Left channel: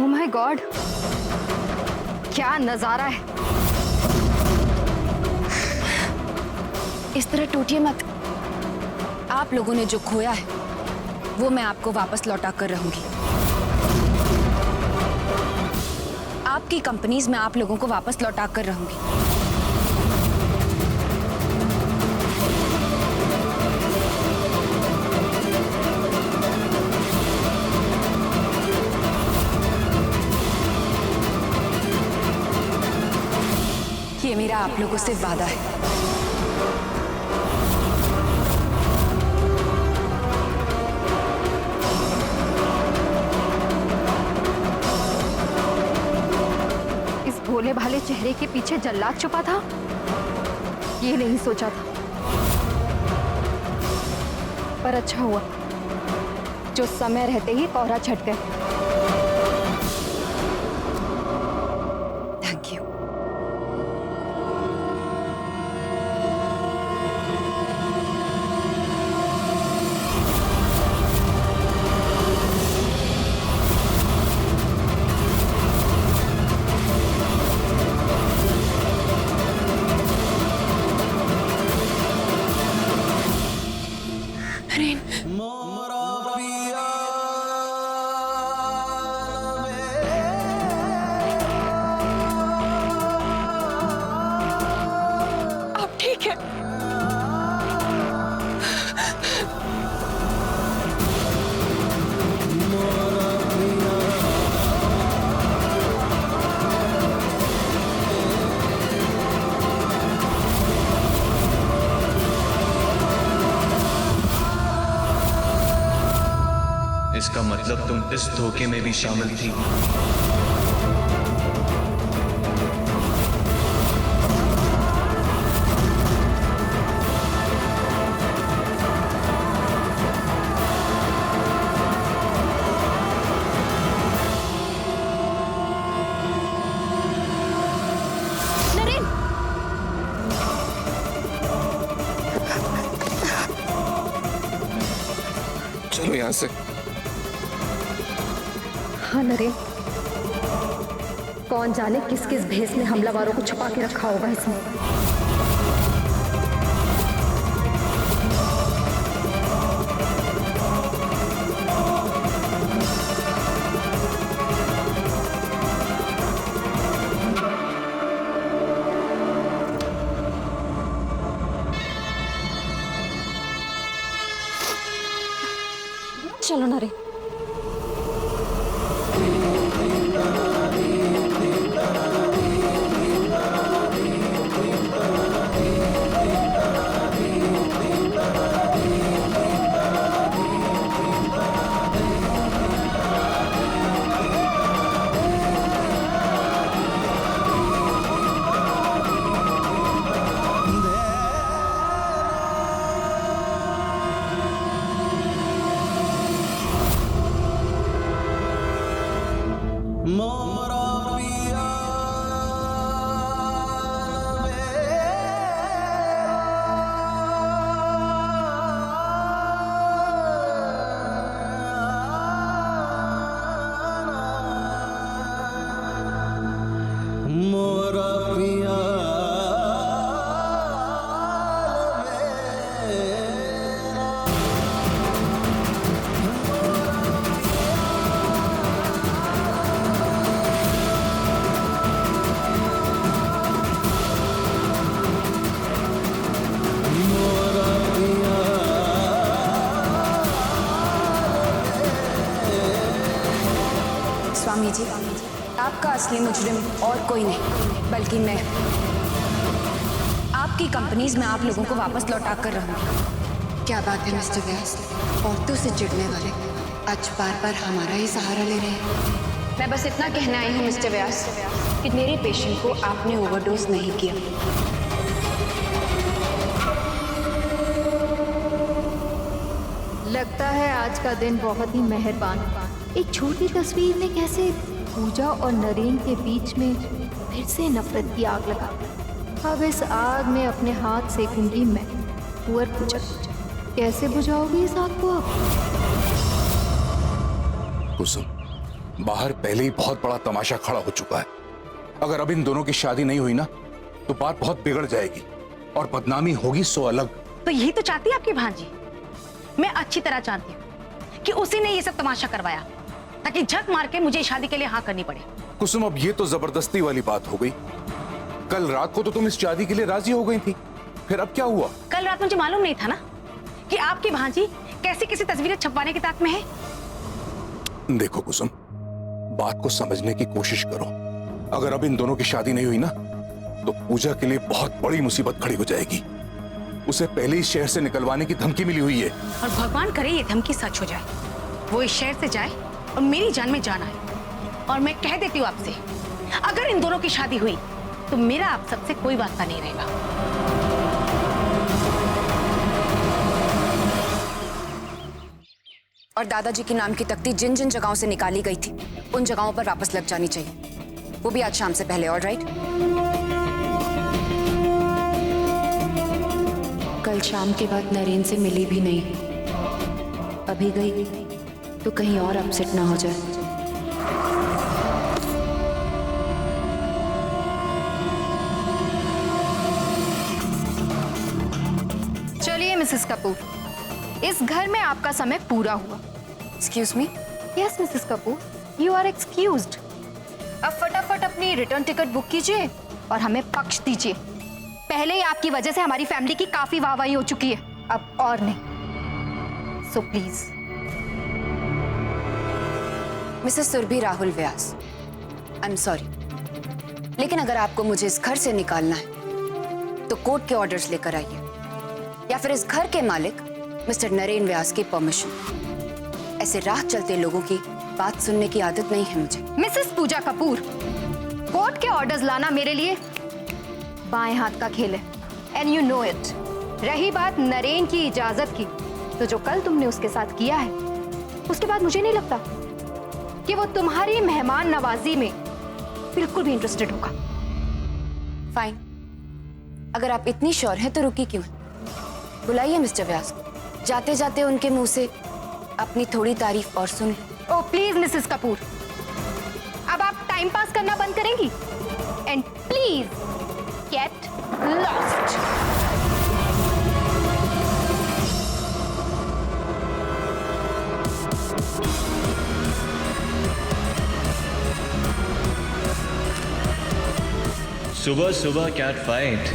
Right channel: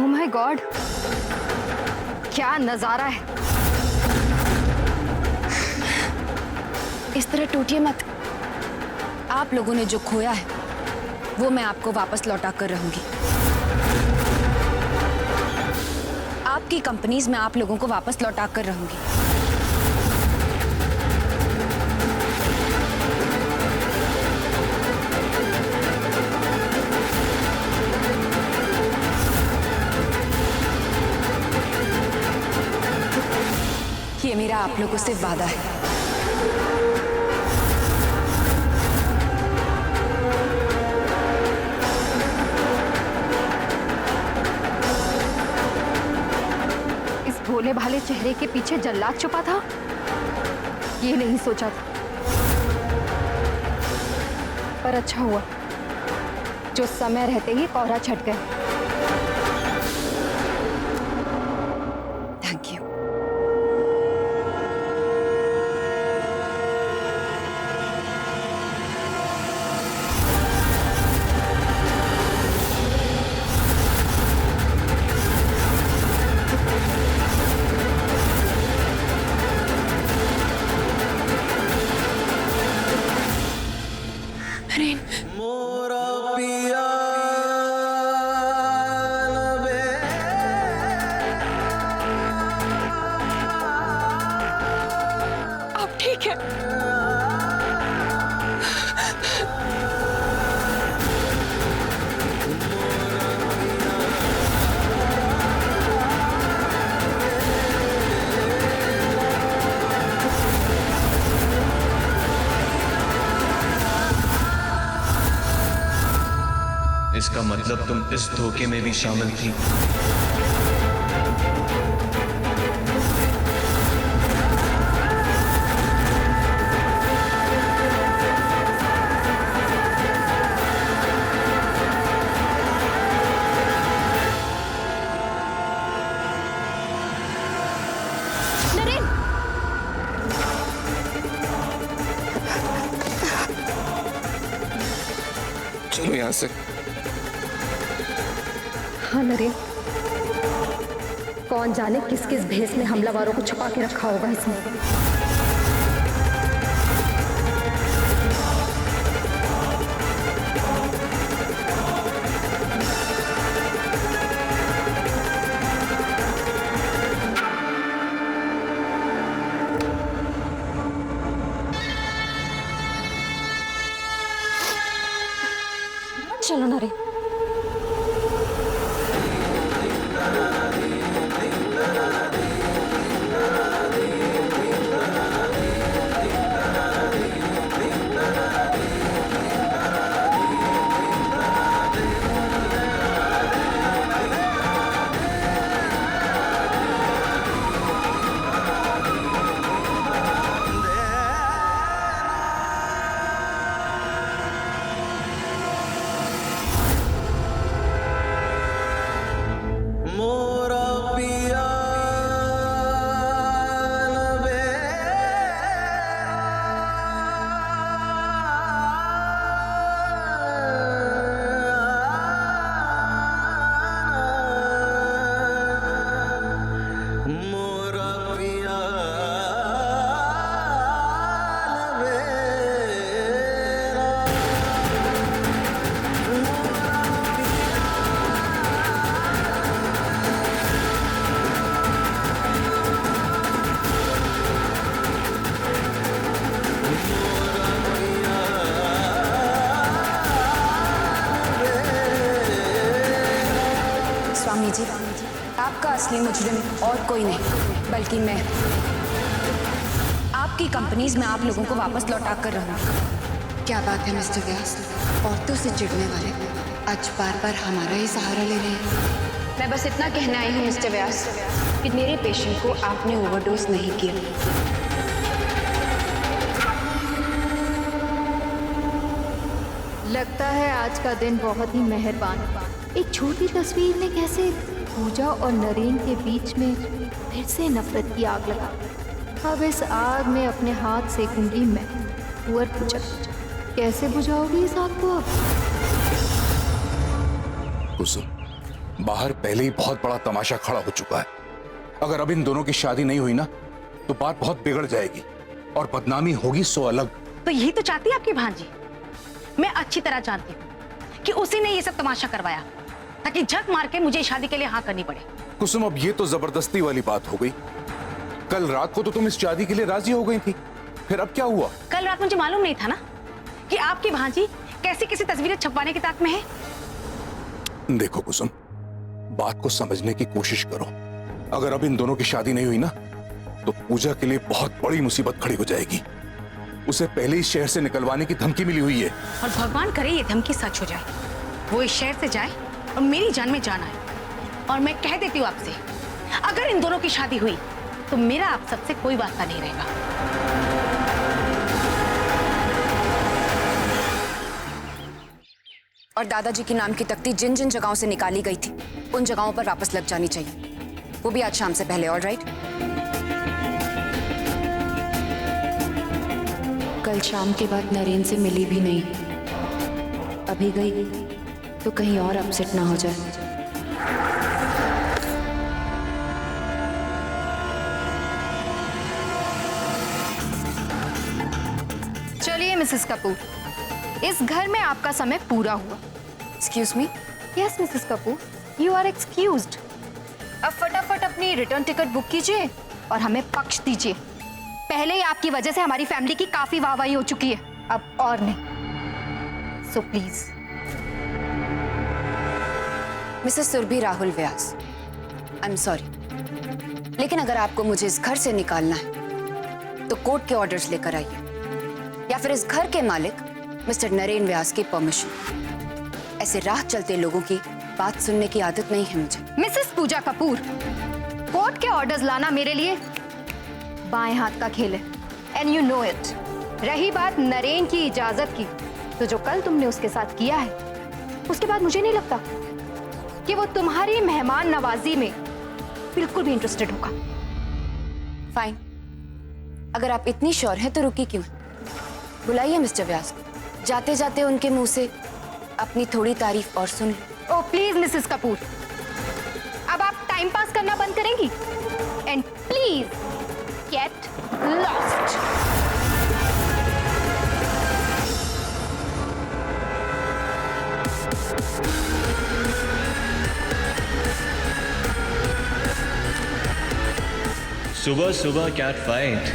Oh my God, क्या नजारा है। इस तरह टूटिए मत। आप लोगों ने जो खोया है वो मैं आपको वापस लौटा कर रहूंगी। आपकी कंपनीज में आप लोगों को वापस लौटा कर रहूंगी। ये मेरा आप लोगों से वादा है। इस भोले भाले चेहरे के पीछे जल्लाद छुपा था, ये नहीं सोचा था। पर अच्छा हुआ जो समय रहते ही कोहरा छट गए। Thank you. नरेन, आप ठीक है? इसका मतलब तुम इस धोखे में भी शामिल थी। नरेन, चलो यहां से। हाँ नरेन, कौन जाने किस किस भेष में हमलावरों को छुपा के रखा होगा इसमें। चलो नरेन। स्वामी जी, आपका असली मुजरिम और कोई नहीं बल्कि मैं। आपकी कंपनीज में आप लोगों को वापस लौटा कर रहूंगी। क्या बात है मिस्टर व्यास, औरतों से चिढ़ने वाले आज बार बार हमारा ही सहारा ले रहे हैं। मैं बस इतना कहना आई हूँ मिस्टर व्यास कि मेरे पेशेंट को आपने ओवरडोज नहीं किया। लगता है आज का दिन बहुत ही मेहरबान। एक छोटी तस्वीर ने कैसे पूजा और नरेन के बीच में फिर से नफरत की आग लगा। अब इस आग में अपने हाथ सेकूंगी मैं। कुंवर पूजा, कैसे बुझाओगी इस आग को अब? कुसुम, बाहर पहले ही बहुत बड़ा तमाशा खड़ा हो चुका है। अगर अब इन दोनों की शादी नहीं हुई ना तो बात बहुत बिगड़ जाएगी और बदनामी होगी सो अलग। तो यही तो चाहती है आपकी भांजी। मैं अच्छी तरह जानती हूँ कि उसी ने ये सब तमाशा करवाया ताकि झक मार के मुझे शादी के लिए हाँ करनी पड़े। कुसुम, अब ये तो जबरदस्ती वाली बात हो गई। कल रात को तो तुम इस शादी के लिए राजी हो गई थी, फिर अब क्या हुआ? कल रात मुझे मालूम नहीं था ना कि आपकी भांजी कैसी कैसी तस्वीरें छपवाने की ताक में है। देखो कुसुम, बात को समझने की कोशिश करो। अगर अब इन दोनों की शादी नहीं हुई ना तो पूजा के लिए बहुत बड़ी मुसीबत खड़ी हो जाएगी। उसे पहले ही शहर से निकलवाने की धमकी मिली हुई है। और भगवान करे ये धमकी सच हो जाए, वो इस शहर से जाए और मेरी जान में जान आए। और मैं कह देती हूँ आपसे, अगर इन दोनों की शादी हुई तो मेरा आप सबसे कोई वास्ता नहीं रहेगा। और दादाजी के नाम की तख्ती जिन जिन जगहों से निकाली गई थी उन जगहों पर वापस लग जानी चाहिए, वो भी आज शाम से पहले। ऑलराइट? कल शाम के बाद नरेन से मिली भी नहीं। अभी गई तो कहीं और अपसेट ना हो जाए। चलिए मिसेस कपूर, इस घर में आपका समय पूरा हुआ। Excuse me? Yes Mrs Kapoor, you are excused. अब फटाफट अपनी रिटर्न टिकट बुक कीजिए और हमें पक्ष दीजिए। पहले ही आपकी वजह से हमारी फैमिली की काफी वाहवाही हो चुकी है, अब और नहीं। So please. Mrs Surbhi Rahul Vyas, I am sorry, लेकिन अगर आपको मुझे इस घर से निकालना है तो कोर्ट के ऑर्डर्स लेकर आइए, या फिर इस घर के मालिक मिस्टर नरेन व्यास की परमिशन। ऐसे राह चलते लोगों की बात सुनने की आदत नहीं है मुझे। मिसेस पूजा कपूर, कोर्ट के ऑर्डर्स लाना मेरे लिए बाएं हाथ का खेल है, एंड यू नो इट। रही बात नरेन की इजाजत की, तो जो कल तुमने उसके साथ किया है उसके बाद मुझे नहीं लगता कि वो तुम्हारी मेहमान नवाजी में बिल्कुल भी इंटरेस्टेड होगा। फाइन, अगर आप इतनी श्योर हैं तो रुकी क्यों? बुलाइए मिस्टर व्यास को, जाते जाते उनके मुंह से अपनी थोड़ी तारीफ और सुन लो। ओह प्लीज मिसेस कपूर, अब आप टाइम पास करना बंद करेंगी? And please get lost. सुबह सुबह cat fight.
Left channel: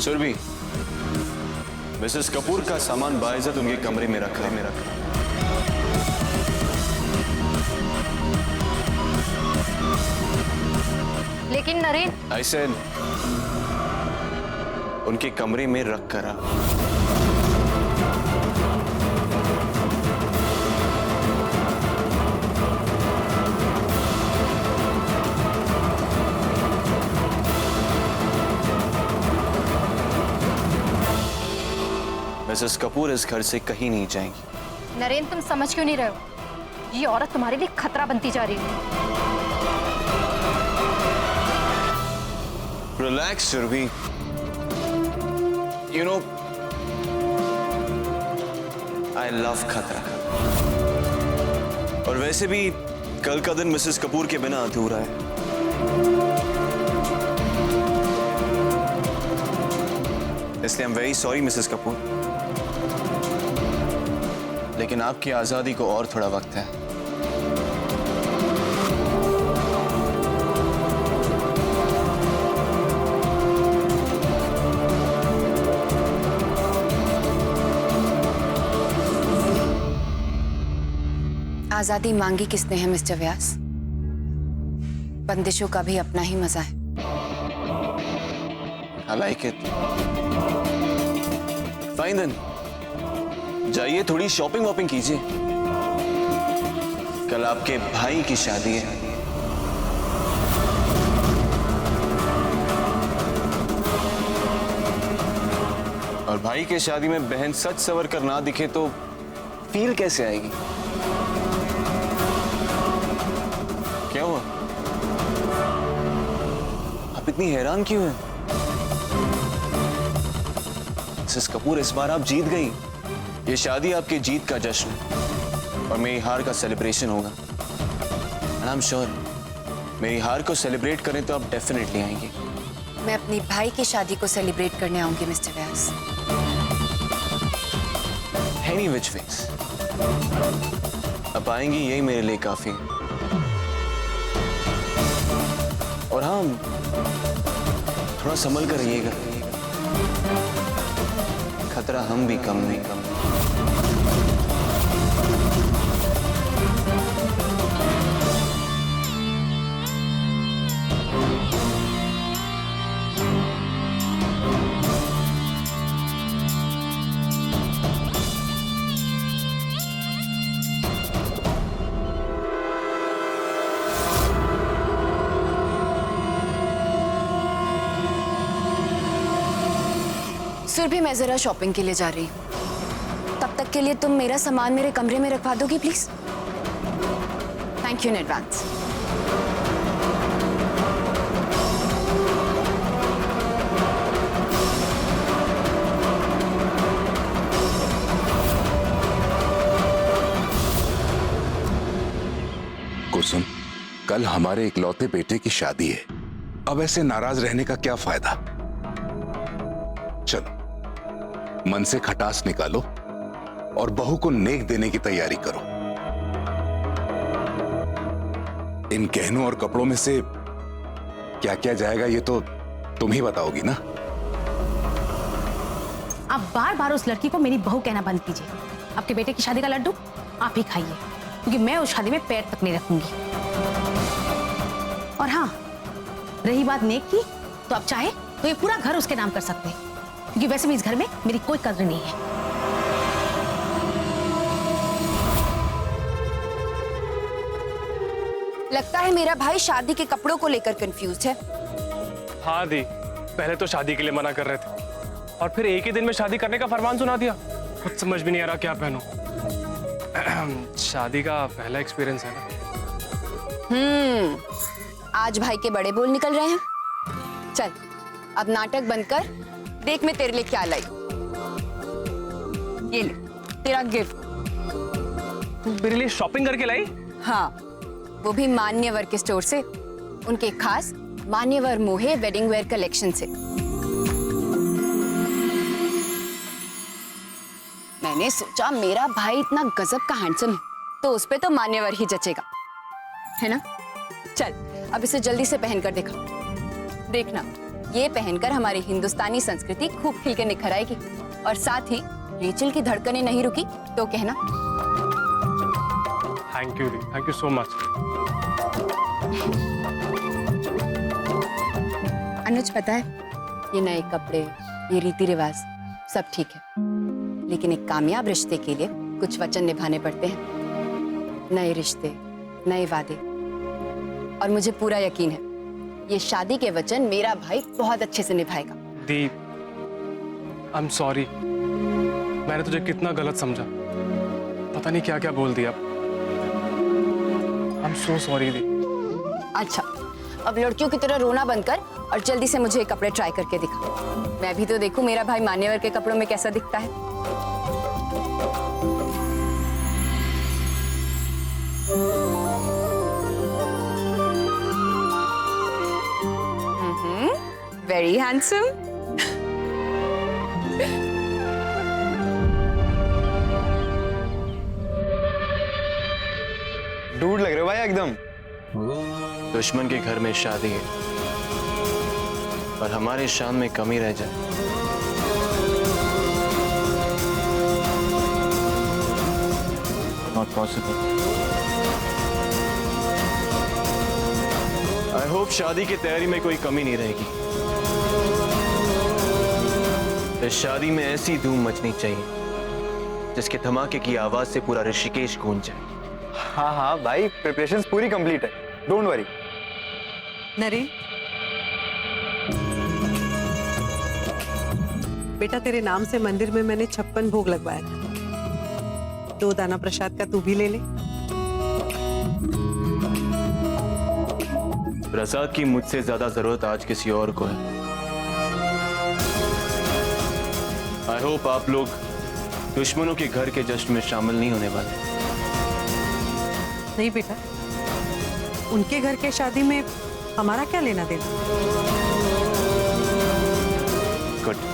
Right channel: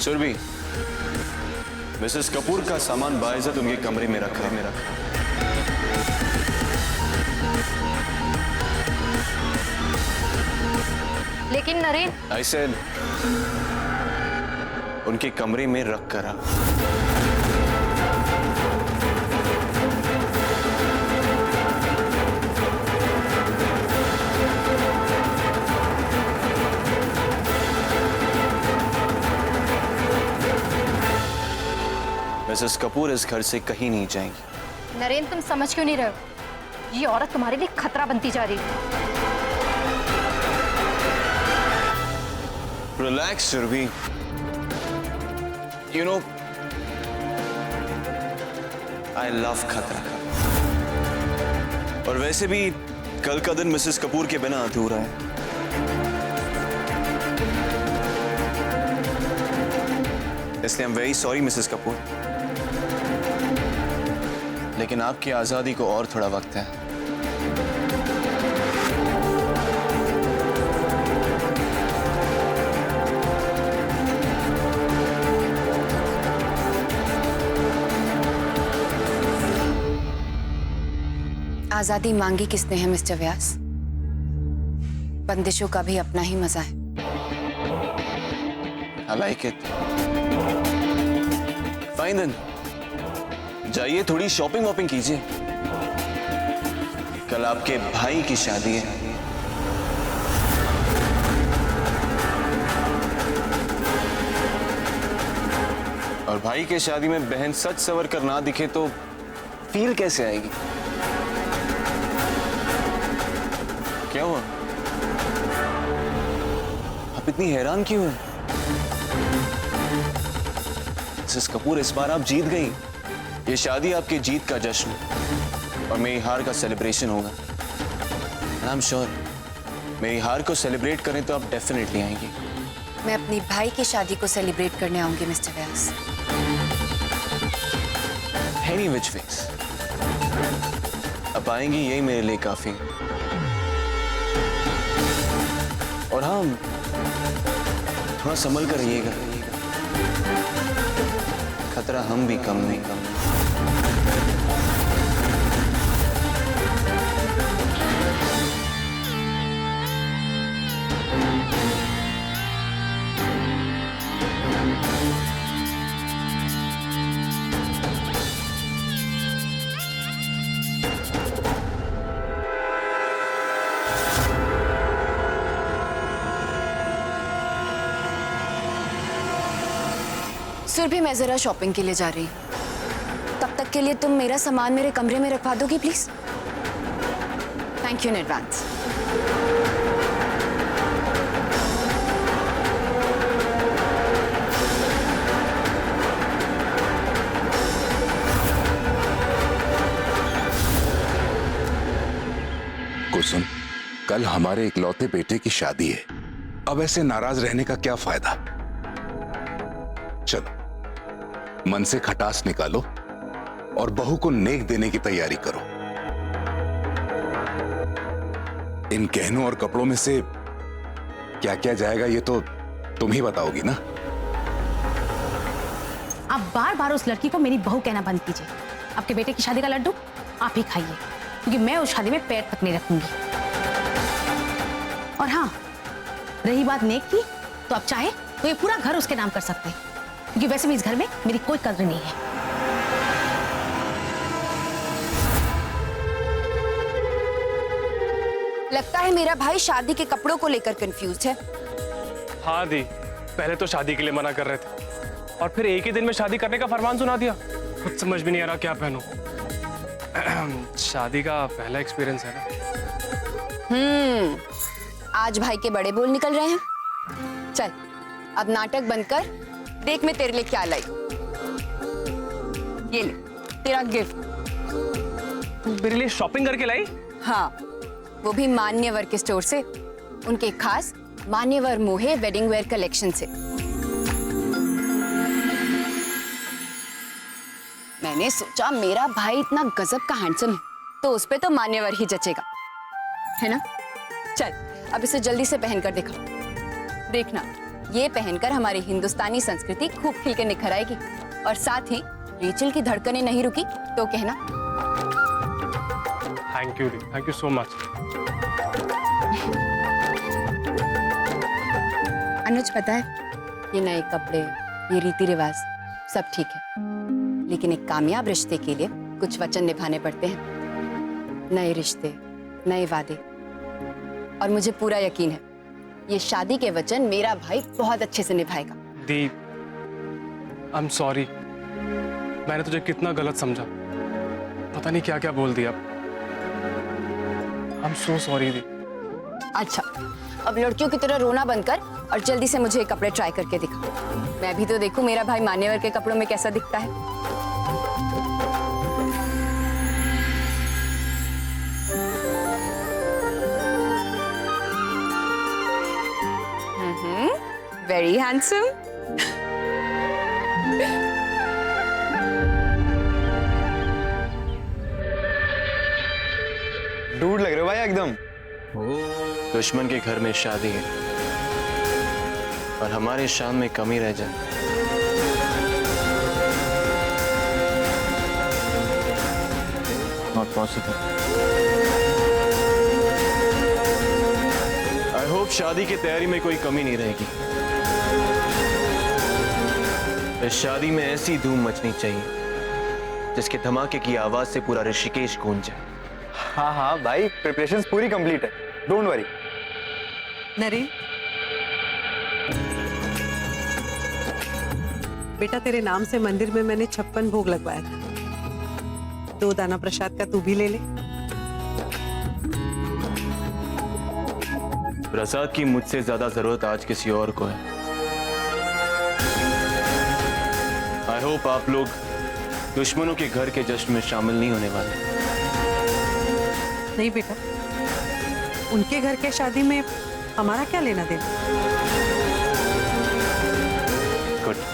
Surbhi, Mrs Kapoor का सामान बाइज्जत उनके कमरे में रखा है। लेकिन नरेन, I said, उनके कमरे में रख कर आ। मिसेस कपूर इस घर से कहीं नहीं जाएंगी। नरेन तुम समझ क्यों नहीं रहे हो? ये औरत तुम्हारे लिए खतरा बनती जा रही है। Relax Surbhi, you know I love खतरा। और वैसे भी कल का दिन मिसेस कपूर के बिना अधूरा है। इसलिए I am very sorry Mrs Kapoor, लेकिन आपकी आजादी को और थोड़ा वक्त है। आजादी मांगी किसने है मिस्टर व्यास? बंदिशों का भी अपना ही मजा है। I like it. Fine then. जाइए थोड़ी शॉपिंग वॉपिंग कीजिए, कल आपके भाई की शादी है। और भाई के शादी में बहन सच सवर कर ना दिखे तो फील कैसे आएगी? क्या हुआ? आप इतनी हैरान क्यों हैं? मिसेस कपूर, इस बार आप जीत गई। ये शादी आपकी जीत का जश्न और मेरी हार का सेलिब्रेशन होगा। एंड आई एम श्योर मेरी हार को सेलिब्रेट करें तो आप डेफिनेटली आएंगी। मैं अपनी भाई की शादी को सेलिब्रेट करने आऊंगी mister Vyas. Any which ways आप आएंगी, यही मेरे लिए काफी है। और हाँ, थोड़ा संभल कर रहिएगा, खतरा हम भी कम नहीं कम। सुरभि, मैं जरा शॉपिंग के लिए जा रही हूँ। तब तक के लिए तुम मेरा सामान मेरे कमरे में रखवा दोगी please? Thank you in advance. Kusum, कल हमारे इकलौते बेटे की शादी है। अब ऐसे नाराज रहने का क्या फायदा? चलो, मन से खटास निकालो और बहू को नेक देने की तैयारी करो। इन गहनों और कपड़ों में से क्या क्या जाएगा ये तो तुम ही बताओगी ना। आप बार बार उस लड़की को मेरी बहू कहना बंद कीजिए। आपके बेटे की शादी का लड्डू आप ही खाइए, क्योंकि मैं उस शादी में पैर तक नहीं रखूंगी। और हाँ, रही बात नेक की, तो आप चाहे तो ये पूरा घर उसके नाम कर सकते हैं, क्योंकि वैसे भी इस घर में मेरी कोई कद्र नहीं है। लगता है मेरा भाई शादी के कपड़ों को लेकर कंफ्यूज है। हाँ दी, पहले तो शादी के लिए मना कर रहे थे और फिर एक ही दिन में शादी करने का फरमान सुना दिया। कुछ समझ भी नहीं आ रहा क्या पहनूं। शादी का पहला एक्सपीरियंस है ना। आज भाई के बड़े बोल निकल रहे हैं। चल, अब नाटक बंद कर, देख मैं तेरे लिए क्या लाई। ये ले तेरा गिफ्ट। तू मेरे लिए शॉपिंग करके लाई? हाँ, वो भी मान्यवर के स्टोर से, उनके खास मान्यवर मोहे वेडिंग वेयर कलेक्शन से। मैंने सोचा मेरा भाई इतना गजब का हैंडसम है तो उस पे तो मान्यवर ही जचेगा, है ना? चल, अब इसे जल्दी से पहनकर दिखा। देखना, ये पहनकर हमारी हिंदुस्तानी संस्कृति खूब खिल के निखर आएगी। और साथ ही रेचल की धड़कनें नहीं रुकी तो कहना। थैंक यू दी, thank you so much. Anuj, पता है, ये नए कपड़े, ये रीति रिवाज सब ठीक है, लेकिन एक कामयाब रिश्ते के लिए कुछ वचन निभाने पड़ते हैं। नए रिश्ते, नए वादे। और मुझे पूरा यकीन है ये शादी के वचन मेरा भाई बहुत अच्छे से निभाएगा। दी, आई एम सॉरी, मैंने तुझे कितना गलत समझा। पता नहीं क्या क्या बोल दिया। आई एम सो सॉरी दी। अच्छा, अब लड़कियों की तरह रोना बंद कर और जल्दी से मुझे ये कपड़े ट्राई करके दिखा। मैं भी तो देखूं मेरा भाई मान्यवर के कपड़ों में कैसा दिखता है। Very handsome. डूड लग रहे हो भाई एकदम। दुश्मन के घर में शादी है और हमारे शान में कमी रह जाए। Not possible. आई होप शादी की तैयारी में कोई कमी नहीं रहेगी। इस शादी में ऐसी धूम मचनी चाहिए जिसके धमाके की आवाज से पूरा ऋषिकेश गूंज जाए। हाँ हाँ भाई, प्रिपरेशंस पूरी कंप्लीट है, डोंट वरी। नरेन, बेटा तेरे नाम से मंदिर में मैंने 56 भोग लगवाया था। 2 दाना प्रसाद का तू भी ले ले। प्रसाद की मुझसे ज्यादा जरूरत आज किसी और को है। आई होप आप लोग दुश्मनों के घर के जश्न में शामिल नहीं होने वाले। नहीं बेटा, उनके घर के शादी में हमारा क्या लेना देना। Good.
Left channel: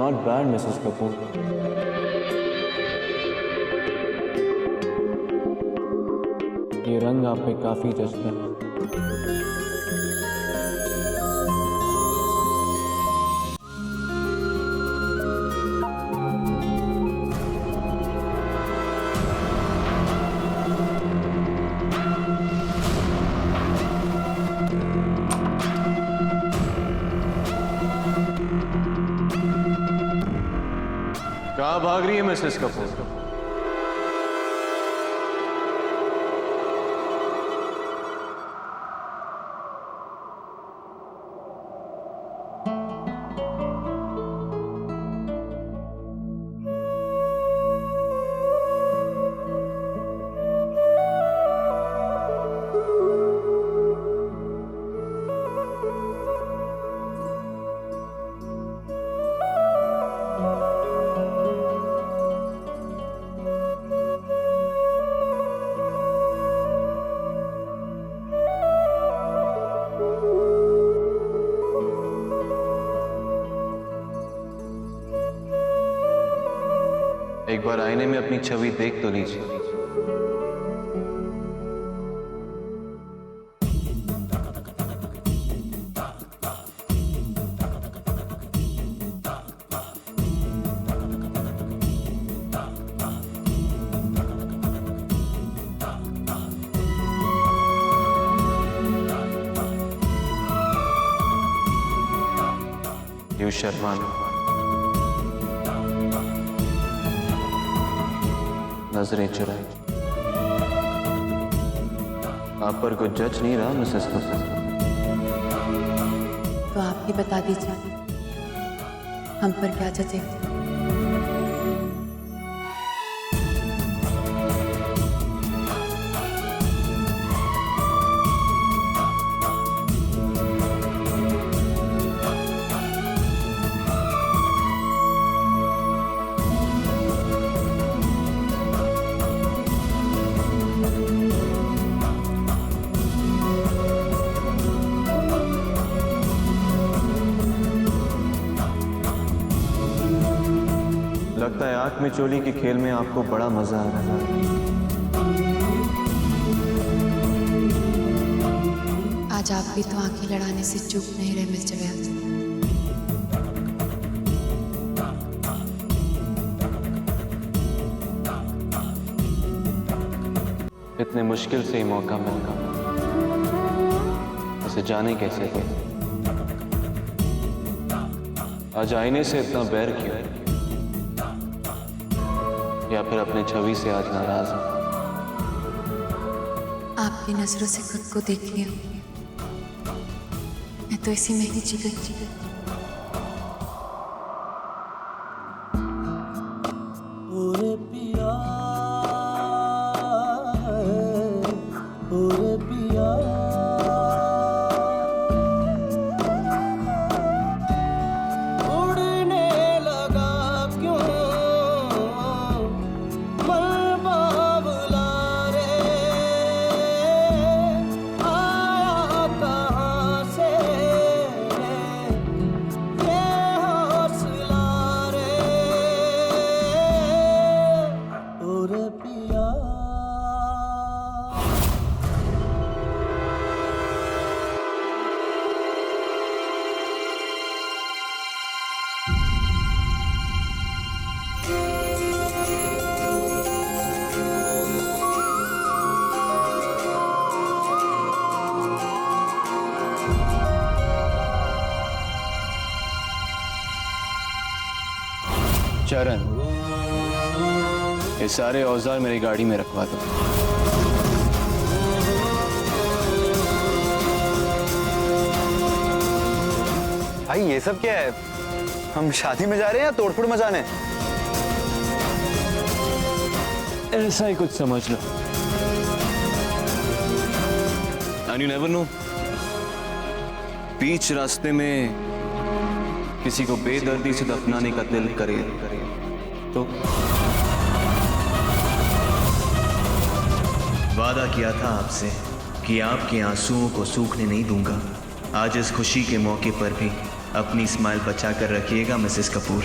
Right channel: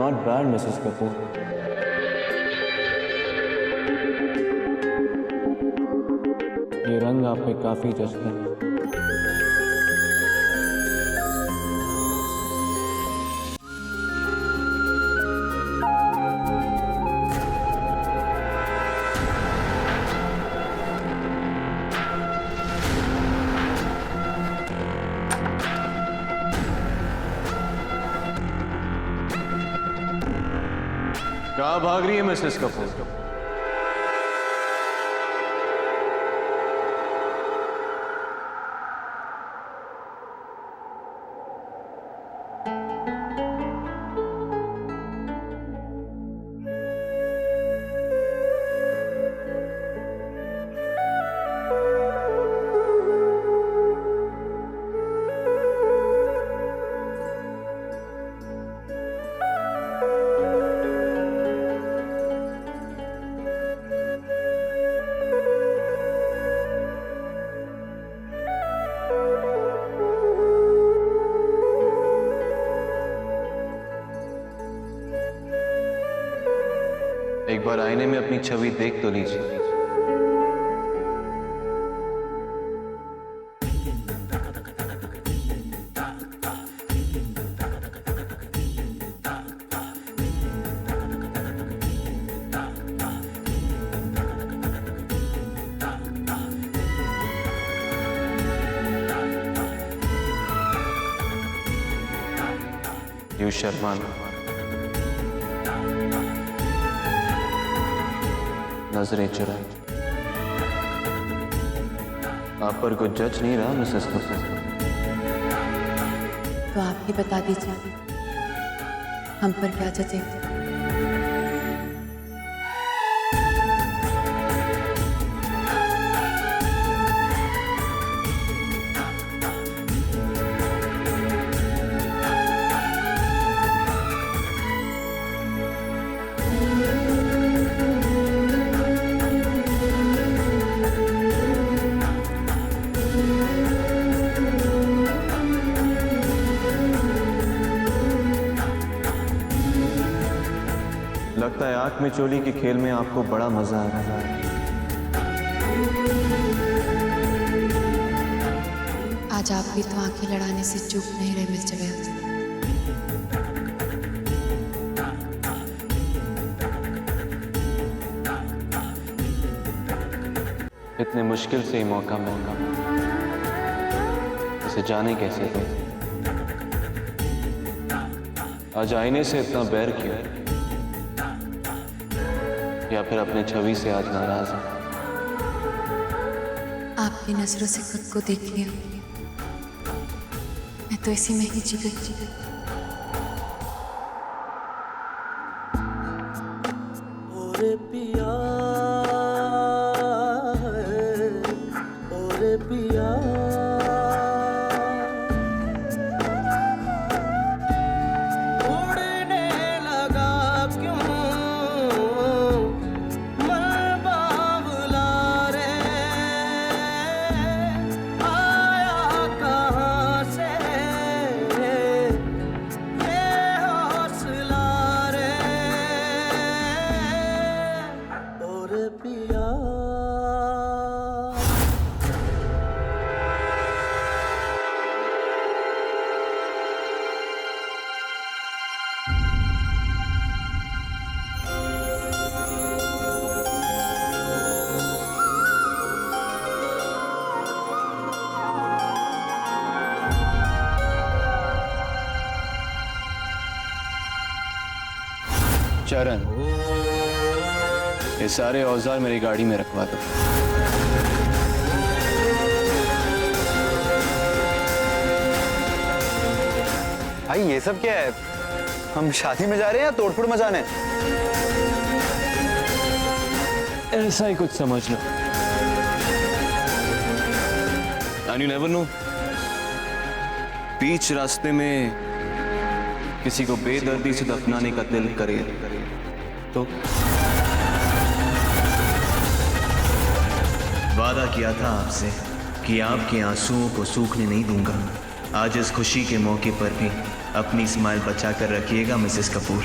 Not bad, Mrs. Kapoor. ये रंग आप पे काफी जचता है। कहाँ भाग रही है मिसेस कपूर? एक बार आईने में अपनी छवि देख तो लीजिए। यू शर्मा नजरें चुराई। आप पर कुछ जज नहीं रहा मिसेस कपूर। तो आप ही बता दीजिए हम पर क्या जजे। लगता है आंख में चोली के खेल में आपको बड़ा मजा आ रहा है। आज आप भी तो आंखें लड़ाने से चूक नहीं रहे मिस्टर व्यास। इतने मुश्किल से ही मौका मिला, उसे जाने कैसे थे? आज आईने से इतना बैर क्यों? या फिर अपने छवि से आज नाराज है? आपकी नजरों से खुद को देख लिया, मैं तो इसी में ही जी गई। चरण, ये सारे औजार मेरी गाड़ी में रखवा दो। भाई ये सब क्या है? हम शादी में जा रहे हैं या तोड़फोड़ मचाने? ऐसा ही कुछ समझ लो। एंड यू नेवर नो, बीच रास्ते में किसी को बेदर्दी से दफनाने का दिल करे तो। वादा किया था आपसे कि आपके आंसुओं को सूखने नहीं दूंगा। आज इस खुशी के मौके पर भी अपनी स्माइल बचा कर रखिएगा मिसेस कपूर।